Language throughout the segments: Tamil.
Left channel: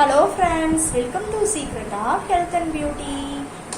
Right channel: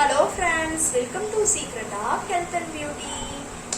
Hello friends, welcome to secret of health and beauty.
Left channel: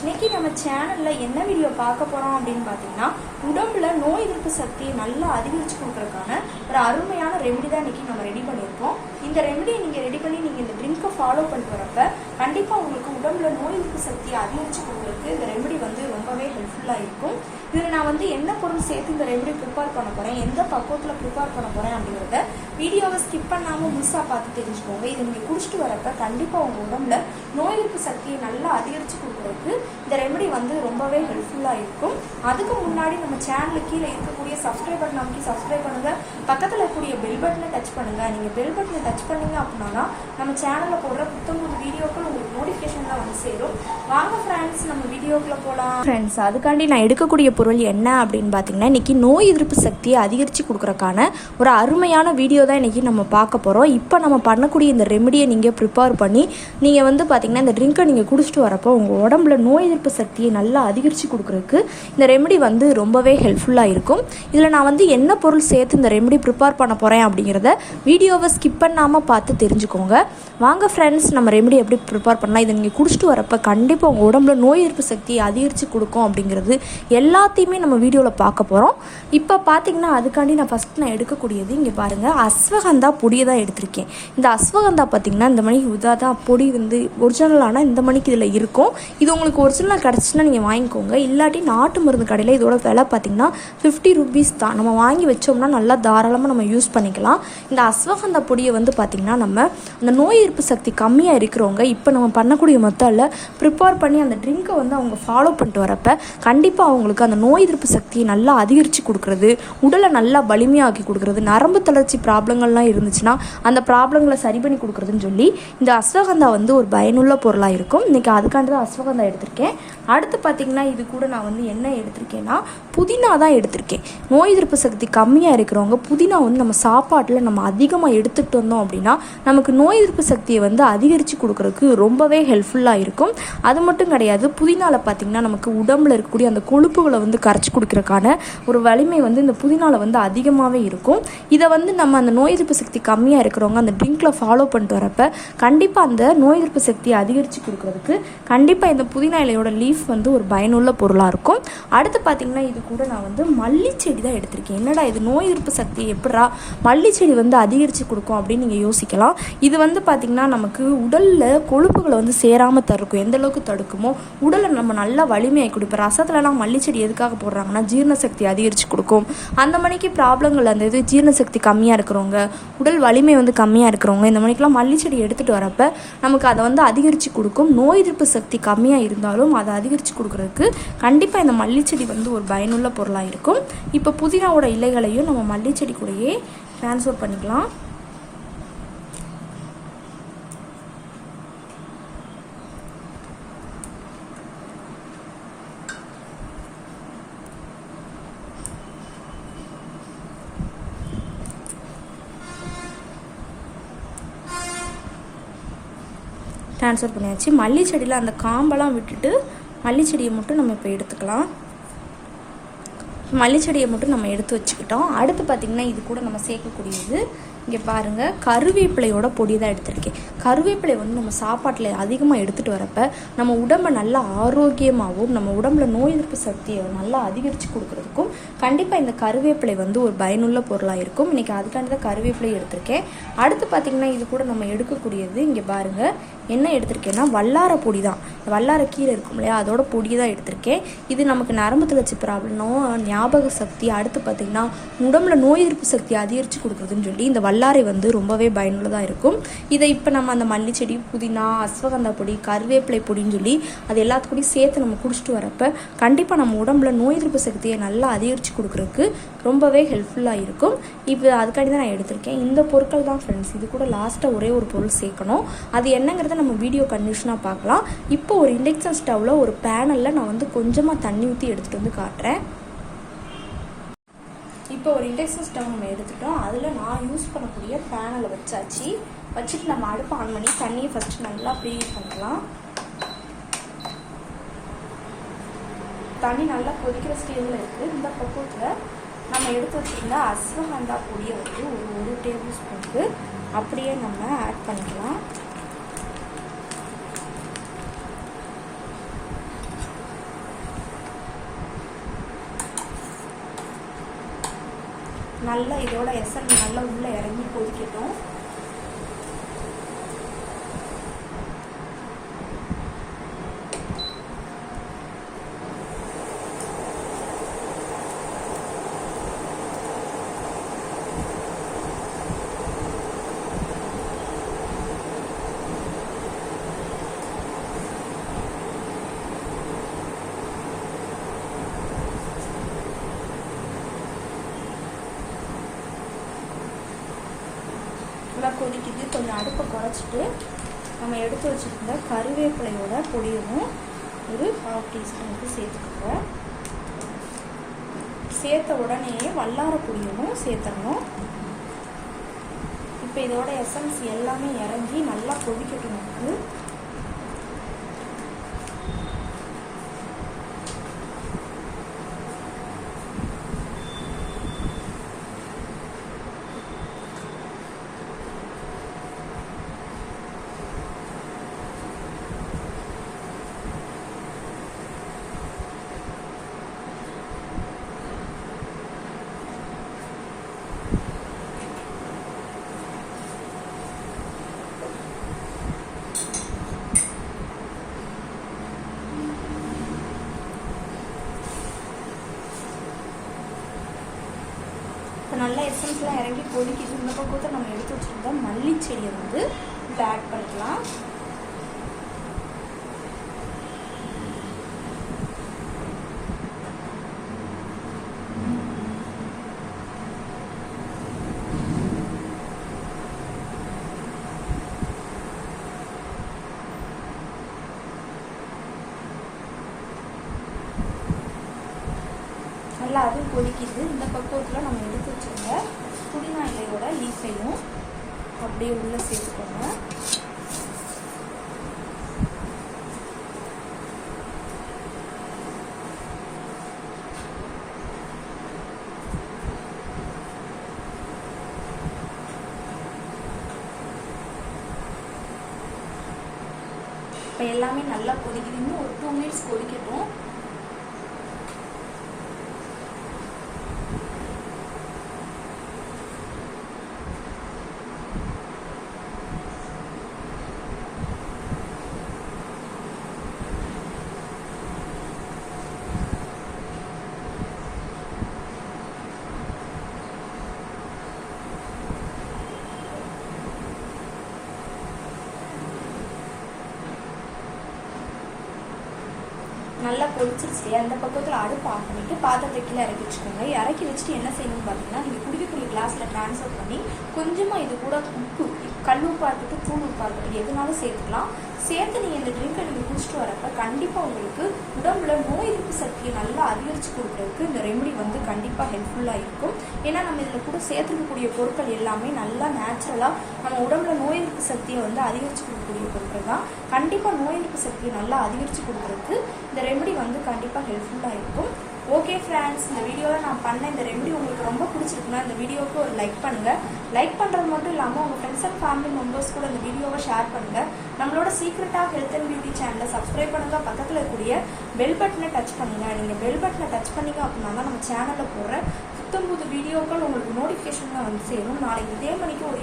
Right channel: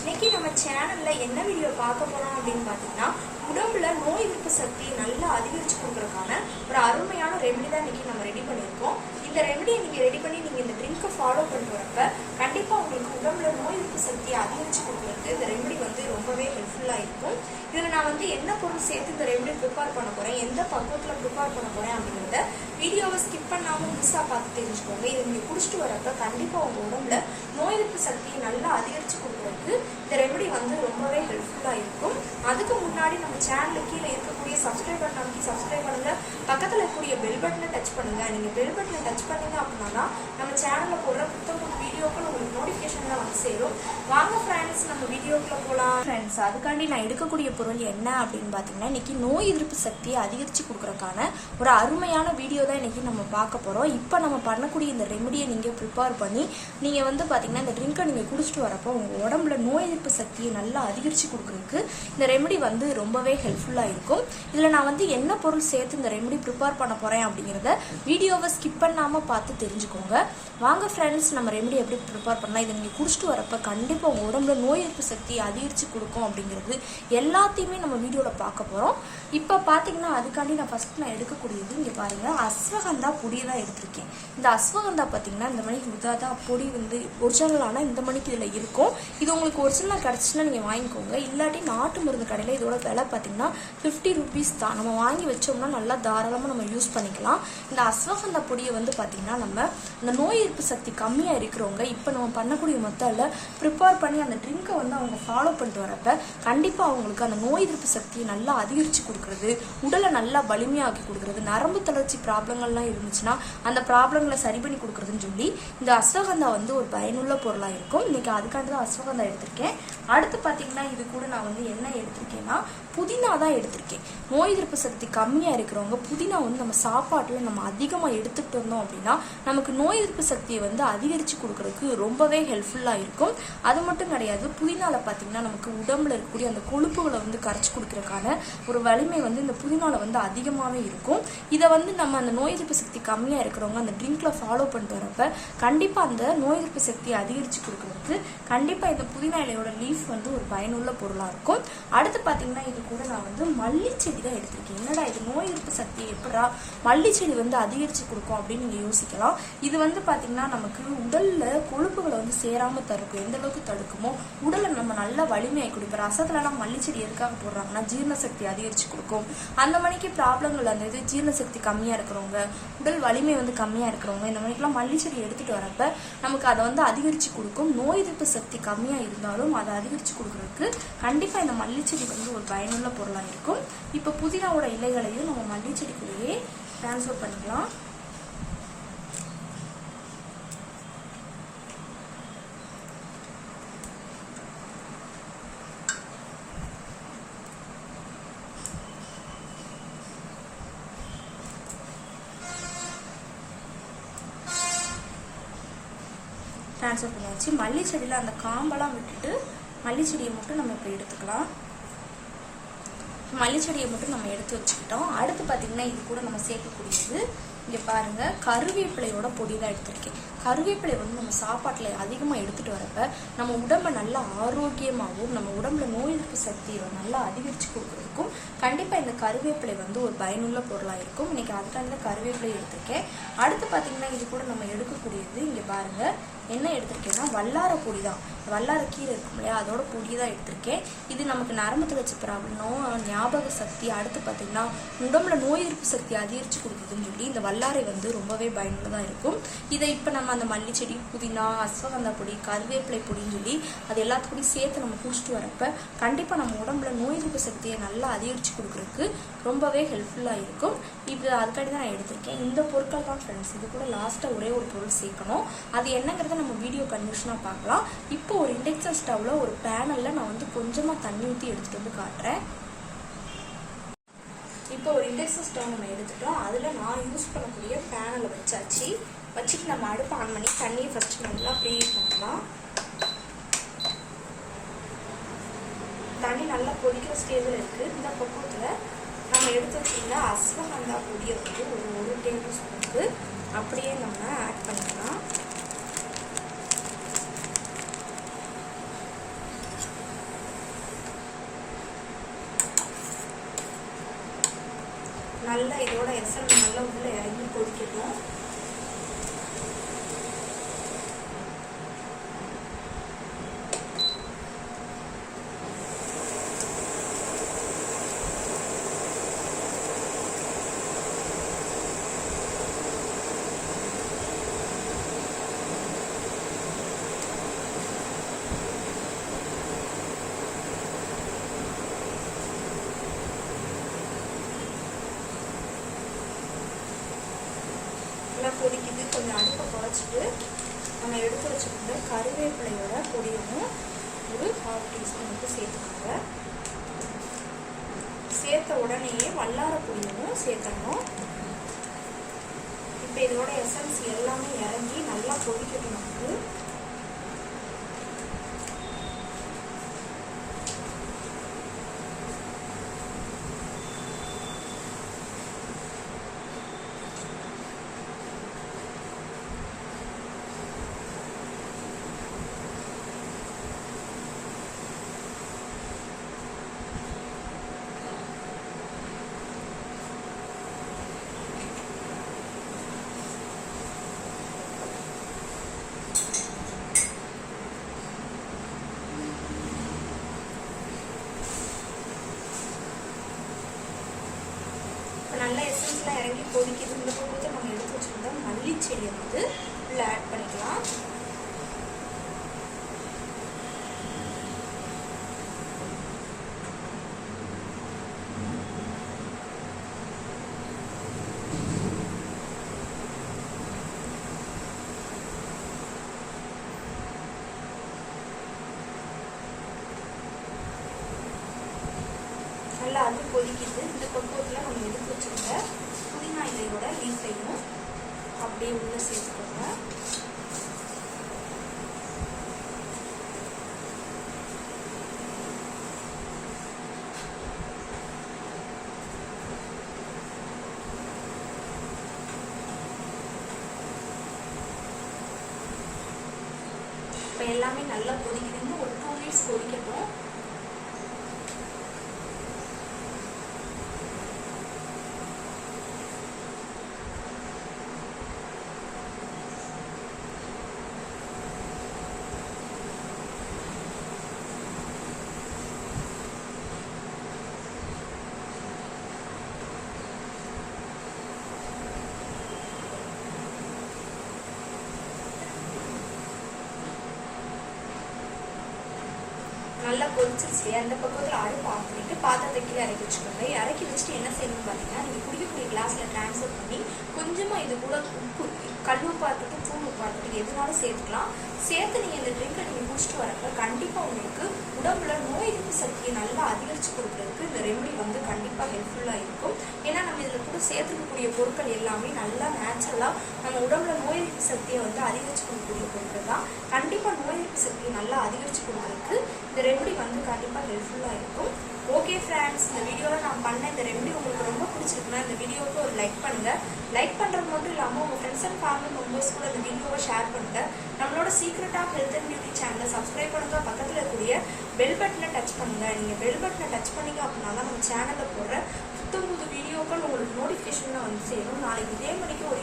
இன்னைக்கு நம்ம சேனலில் என்ன வீடியோ பார்க்க போகிறோம் அப்படின்னு பார்த்தீங்கன்னா, உடம்புல நோய் எதிர்ப்பு சக்தியை நல்லா அதிகரித்து கொடுக்குறதுக்கான ஒரு அருமையான ரெமெடி தான் இன்னைக்கு நம்ம ரெடி பண்ணியிருக்கோம். இந்த ரெமெடியை நீங்கள் ரெடி பண்ணி நீங்கள் இந்த ட்ரிங்கை ஃபாலோ பண்ணிட்டு வரப்ப கண்டிப்பாக உங்களுக்கு உடம்புல நோய் எதிர்ப்பு சக்தியை அதிகரித்து கொடுக்குறதுக்கு இந்த ரெமெடி ரொம்பவே ஹெல்ப்ஃபுல்லாக இருக்கும். இதில் நான் என்ன பொருள் சேர்த்து இந்த ரெமெடி ப்ரிப்பேர் பண்ண போகிறேன், எந்த பக்குவத்தில் ப்ரிப்பேர் பண்ண போகிறேன் அப்படிங்கிறத வீடியோவை ஸ்கிப் பண்ணாமல் மிஸ்ஸாக பார்த்து தெரிஞ்சுக்கோங்க. இதை நீங்கள் குடிச்சிட்டு வரப்ப கண்டிப்பாக உங்கள் உடம்புல நோய் எதிர்ப்பு சக்தியை நல்லா அதிகரித்து கொடுக்குறதுக்கு இந்த ரெமெடி ரொம்பவே ஹெல்ப்ஃபுல்லாக இருக்கும். அதுக்கு முன்னாடி நம்ம சேனலுக்கு கீழே இருக்கக்கூடிய சப்ஸ்கிரைப் பட்டன் அமைக்கி சப்ஸ்கிரைப் பண்ணுங்கள். பக்கத்தில் இருக்கக்கூடிய பெல் பட்டனை டச் பண்ணுங்கள். நீங்கள் பெல் பட்டனை டச் பண்ணீங்க அப்படின்னா நம்ம சேனலில் போடுற புத்தம் வீடியோக்கள் உங்களுக்கு நோட்டிஃபிகேஷன் தான் வந்து சேரும். வாங்க ஃப்ரெண்ட்ஸ், நம்ம வீடியோக்குள்ளே போகலாம். ஃப்ரெண்ட்ஸ், அதுக்காண்டி நான் எடுக்கக்கூடிய பொருள் என்ன அப்படின்னு பார்த்தீங்கன்னா, இன்னைக்கு நோய் எதிர்ப்பு சக்தியை அதிகரித்து கொடுக்குறக்கான ஒரு அருமையான வீடியோ தான் இன்னைக்கு நம்ம பார்க்க போகிறோம். இப்போ நம்ம பண்ணக்கூடிய இந்த ரெமெடியை நீங்கள் ப்ரிப்பேர் பண்ணி நீங்கள் பார்த்தீங்கன்னா இந்த ட்ரிங்கை நீங்கள் குடிச்சிட்டு வரப்போ உங்கள் உடம்புல நோய் எதிர்ப்பு சக்தியை நல்லா அதிகரித்து கொடுக்குறதுக்கு இந்த ரெமெடி ரொம்பவே ஹெல்ப்ஃபுல்லாக இருக்கும். இதில் நான் என்ன பொருள் சேர்த்து இந்த ரெமெடி ப்ரிப்பேர் பண்ண போகிறேன் அப்படிங்கிறத வீடியோவை ஸ்கிப் பண்ணாமல் பார்த்து தெரிஞ்சுக்கோங்க. வாங்க ஃப்ரெண்ட்ஸ், நம்ம ரெமெடி எப்படி ப்ரிப்பேர் பண்ணலாம், இதை நீங்கள் குடிச்சிட்டு வரப்போ கண்டிப்பாக உங்கள் உடம்புல நோய் எதிர்ப்பு சக்தியை அதிகரித்து கொடுக்கும் அப்படிங்கிறது எல்லாத்தையுமே நம்ம வீடியோவில் பார்க்க போகிறோம். இப்போ பார்த்தீங்கன்னா அதுக்காண்டி நான் எடுக்கக்கூடியது இங்கே பாருங்கள், அஸ்வகந்தா பொடியை தான் எடுத்திருக்கேன். இந்த அஸ்வகந்தா பார்த்தீங்கன்னா இந்த மணிக்கு தான் பொடி ஒரிஜினலான இந்த மணிக்கு இதில் இருக்கும். இது உங்களுக்கு ஒரிஜினலாக கிடச்சுன்னா நீங்கள் வாங்கிக்கோங்க. இல்லாட்டி நாட்டு மருந்து கடையில் இதோட விலை பார்த்தீங்கன்னா 50 ரூபீஸ் தான். நம்ம வாங்கி வச்சோம்னா நல்லா தாராளமாக நம்ம யூஸ் பண்ணிக்கலாம். இந்த அஸ்வகந்தா பொடியை பார்த்தீங்கன்னா நம்ம அந்த நோய் எதிர்ப்பு சக்தி கம்மியாக இருக்கிறவங்க இப்போ நம்ம பண்ணக்கூடிய மெத்தடில் ப்ரிப்பேர் பண்ணி அந்த ட்ரிங்கை அவங்க ஃபாலோ பண்ணிட்டு வரப்ப கண்டிப்பாக அவங்களுக்கு அந்த நோய் எதிர்ப்பு சக்தியை நல்லா அதிகரித்து கொடுக்குறது, உடலை நல்லா வலிமையாக்கி கொடுக்குறது, நரம்பு தளர்ச்சி ப்ராப்ளங்கள்லாம் இருந்துச்சுன்னா அந்த ப்ராப்ளங்களை சரி பண்ணி கொடுக்குறதுன்னு சொல்லி இந்த அஸ்வகந்தா ஒரு பயனுள்ள பொருளாக இருக்கும். இன்னைக்கு அதுக்காண்டி தான் அஸ்வகந்தா எடுத்திருக்கேன். அடுத்து பார்த்தீங்கன்னா இது கூட நான் என்ன எடுத்திருக்கேன்னா புதினா தான் எடுத்திருக்கேன். நோய் எதிர்ப்பு சக்தி கம்மியாக இருக்கிறவங்க புதினா நம்ம சாப்பாட்டில் நம்ம அதிகமாக எடுத்துகிட்டு வந்தோம் அப்படின்னா நமக்கு நோய் எதிர்ப்பு சக்தியை அதிகரித்து கொடுக்கறதுக்கு ரொம்பவே ஹெல்ப்ஃபுல்லாக இருக்கும். அது மட்டும் கிடையாது, புதினாவில் பார்த்தீங்கன்னா நமக்கு உடம்புல இருக்கக்கூடிய அந்த கொழுப்புகளை கரைச்சி கொடுக்கறதுக்கான ஒரு வலிமை இந்த புதினாவில் அதிகமாகவே இருக்கும். இதை நம்ம அந்த நோய் எதிர்ப்பு சக்தி கம்மியாக இருக்கிறவங்க அந்த ட்ரிங்கில் ஃபாலோ பண்ணிட்டு வரப்ப கண்டிப்பாக அந்த நோய் எதிர்ப்பு சக்தியை அதிகரித்து கொடுக்கறதுக்கு கண்டிப்பாக இந்த புதினா இலையோட லீஃப் ஒரு பயனுள்ள பொருளாக இருக்கும். அடுத்து பார்த்தீங்கன்னா இது கூட நான் மல்லிச்செடி தான் எடுத்திருக்கேன். என்னடா இது நோய் எதிர்ப்பு சக்தி எப்படா மல்லிச்செடி அதிகரித்து கொடுக்கும் அப்படின்னு நீங்கள் யோசிக்கலாம். இது பார்த்தீங்கன்னா நமக்கு உடலில் கொழுப்புகளை சேராமல் தடுக்கும். எந்த அளவுக்கு தடுக்குமோ உடலை நம்ம நல்லா வலிமையாகி கொடுப்போம். ரசத்துலலாம் மல்லிச்செடி எதுக்காக போடுறாங்கன்னா ஜீரண சக்தி அதிகரித்து கொடுக்கும். அந்த மணிக்கு ப்ராப்ளங்கள் அந்த இது ஜீரண சக்தி கம்மியாக இருக்கிறவங்க, உடல் வலிமை கம்மியாக இருக்கிறவங்க இந்த மணிக்கெலாம் மல்லிச்செடி எடுத்துகிட்டு வரப்ப நமக்கு அதை அதிகரித்து கொடுக்கும். நோய் எதிர்ப்பு சக்தி கம்மியாக இருந்தாலும் அதை அதிகரித்து கொடுக்குறதுக்கு கண்டிப்பாக இந்த மல்லிச்செடி ஒரு பயனுள்ள பொருளாக இருக்கும். இப்போ புதினாவோட இலைகளையும் நம்ம மல்லிச்செடி கூடயே ட்ரான்ஸ்ஃபர் பண்ணிக்கலாம். ட்ரான்ஸ்ஃபர் பண்ணியாச்சு. மல்லிச்செடியில் அந்த காம்பெல்லாம் விட்டுட்டு மல்லிச்செடியை மட்டும் நம்ம இப்போ எடுத்துக்கலாம். மல்லிச்செடியை மட்டும் நம்ம எடுத்து வச்சுக்கிட்டோம். அடுத்து பார்த்திங்கன்னா இது கூட நம்ம சேர்க்கக்கூடியது இங்கே பாருங்கள், கருவேப்பிலையோட பொடி தான் எடுத்துருக்கேன். கருவேப்பிலை நம்ம சாப்பாட்டில் அதிகமாக எடுத்துகிட்டு வரப்ப நம்ம உடம்பை நல்லா ஆரோக்கியமாகவும் நம்ம உடம்புல நோய் எதிர்ப்பு சக்தியை நல்லா அதிகரித்து கொடுக்குறதுக்கும் கண்டிப்பாக இந்த கருவேப்பிலை ஒரு பயனுள்ள பொருளாக இருக்கும். இன்றைக்கி அதுக்காண்டி தான் கருவேப்பிலை எடுத்திருக்கேன். அடுத்து பார்த்திங்கன்னா இது கூட நம்ம எடுக்கக்கூடியது இங்கே பாருங்கள், என்ன எடுத்திருக்கேன்னா வல்லார பொடி தான். வல்லார கீரை இருக்கும் இல்லையா, அதோட பொடி தான் எடுத்திருக்கேன். இது நமக்கு நரம்பு தளர்ச்சி ப்ராப்ளம், ஞாபக சக்தி, அடுத்து பார்த்திங்கன்னா உடம்புல நோய் எதிர்ப்பு சக்தி அதிகரித்து கொடுக்குறதுன்னு சொல்லி இந்த வல்லாரை ரொம்பவே பயனுள்ளதாக இருக்கும். இதை இப்போ நம்ம அந்த மல்லிச்செடி, புதினா, அஸ்வகந்தா பொடி, கருவேப்பிலை பொடின்னு சொல்லி அது எல்லாத்துக்கூடையும் சேர்த்து நம்ம குடிச்சிட்டு வரப்ப கண்டிப்பாக நம்ம உடம்புல நோய் எதிர்ப்பு சக்தியை நல்லா அதிகரித்து கொடுக்குறதுக்கு ரொம்பவே ஹெல்ப்ஃபுல்லாக இருக்கும். இப்போ அதுக்காண்டி தான் நான் எடுத்திருக்கேன். இந்த பொருட்கள் தான் ஃப்ரெண்ட்ஸ். இது கூட லாஸ்ட்டாக ஒரே ஒரு பொருள் சேர்க்கணும். அது என்னங்கிறத நம்ம வீடியோ கண்டிஷனாக பார்க்கலாம். இப்போ ஒரு இண்டக்ஷன் ஸ்டவ்வில் ஒரு பேனலில் நான் கொஞ்சமாக தண்ணி ஊற்றி எடுத்துகிட்டு காட்டுறேன். இப்போ ஒரு இண்டக்ஷன் ஸ்டவ் நம்ம எடுத்துட்டோம். அதில் நான் யூஸ் பண்ணக்கூடிய பேனலை வச்சுட்டு நம்ம அடுப்பு ஆன் பண்ணி தண்ணியை ஃபஸ்ட்டு நல்லா ப்ரீஹீட் பண்ணிக்கலாம். தண்ணி நல்லா கொதிக்கிற ஸ்டேஜில் இருக்குது. இந்த பக்கத்தில் நம்ம எடுத்து வச்சுருந்தா அஸ்வகந்தா பொடியை ஒரு 1 டேபிள் ஸ்பூனுக்கு அப்படியே நம்ம ஆட் பண்ணிக்கலாம். நல்லா இதோட எசன்ஸ் நல்லா உள்ளே இறங்கி கொதிக்கட்டும். கொதிக்குது. கொஞ்சம் அடுப்பை குறைச்சிட்டு நம்ம எடுத்து வச்சுருந்த கருவேப்பிலையோட பொடியவும் ஒரு 1/2 டீஸ்பூனுக்கு சேர்த்துக்கோங்க. சேர்த்த உடனே வல்லார பொடியவும் சேர்த்தணும். இப்போ இதோட எசன்ஸ் எல்லாமே இறங்கி நல்லா கொதிக்கட்டும். நமக்கு நல்லா எசன்ஸ்லாம் இறங்கி கொதிக்குது. இந்த பக்கத்தை நம்ம எடுத்து வச்சுருந்தா மல்லி செடியை வந்து உள்ள ஆட் பண்ணிக்கலாம். நல்லா அது கொதிக்குது. இந்த பக்குவத்தில் நம்ம எடுத்து வச்சுருந்த புதினா இலையோட லீஃபையும் அப்படியே உள்ளே சேர்த்துக்கோங்க. இப்போ எல்லாமே நல்லா கொதிக்குது. இன்னும் ஒரு 2 மினிட்ஸ் கொதிக்கட்டும். நல்லா கொதிச்சிருச்சு. அந்த பக்கத்தில் அடுப்பு ஆன் பண்ணிட்டு பாத்திரத்தை கீழே இறக்கி வச்சுக்கோங்க. இறக்கி வச்சுட்டு என்ன செய்யணும்னு பார்த்தீங்கன்னா, நீங்கள் குடிக்கக்கூடிய கிளாஸில் ட்ரான்ஸ்ஃபர் பண்ணி கொஞ்சமாக இது கூட உப்பு, கல் உப்பாக இருக்கட்டும், தூள் உப்பாக இருக்கட்டும், எதுனாலும் சேர்த்துக்கலாம். சேர்த்து நீங்கள் இந்த ட்ரிங்கை நீங்கள் குடிச்சிட்டு வரப்ப கண்டிப்பாக உங்களுக்கு உடம்புல நோய் எதிர்ப்பு சக்தியை நல்லா அதிகரித்து கொடுக்குறதுக்கு இந்த ரெமெடி வந்து கண்டிப்பாக ஹெல்ப்ஃபுல்லாக இருக்கும். ஏன்னா நம்ம இதில் கூட சேர்த்துக்கக்கூடிய பொருட்கள் எல்லாமே நல்லா நேச்சுரலாக நம்ம உடம்புல நோய் எதிர்ப்பு சக்தியை வந்து அதிகரித்து கொடுக்கக்கூடிய பொருட்கள் தான். கண்டிப்பாக நோய் எதிர்ப்பு சக்தியை நல்லா அதிகரித்து கொடுக்குறதுக்கு இந்த ரெமெடி வந்து கண்டிப்பாக ஹெல்ப்ஃபுல்லாக இருக்கும். ஓகே ஃப்ரெண்ட்ஸ், இந்த வீடியோவில் நான் பண்ண இந்த ரெமெடி உங்களுக்கு ரொம்ப பிடிச்சிருக்குன்னா இந்த வீடியோவுக்கு ஒரு லைக் பண்ணுங்கள். லைக் பண்ணுறது மட்டும் இல்லாமல் உங்கள் ஃப்ரெண்ட்ஸ் அண்ட் ஃபேமிலி மெம்பர்ஸ் கூட இந்த வீடியோவை ஷேர் பண்ணுங்கள். நம்மளோட secret of health and beauty சேனலை சப்ஸ்கிரைப் பண்ணுங்கள். பக்கத்தில் இருக்கக்கூடிய பெல் பட்டனை டச் பண்ணுங்கள். நீங்கள் பெல் பட்டனை டச் பண்ணிங்க அப்படின்னா தான் நம்ம சேனலில் போடுற புத்தம் புது வீடியோக்கள் உங்களுக்கு நோட்டிஃபிகேஷனில் வந்து சேரும். நாளைக்கு இதே மணிக்கு ஒரு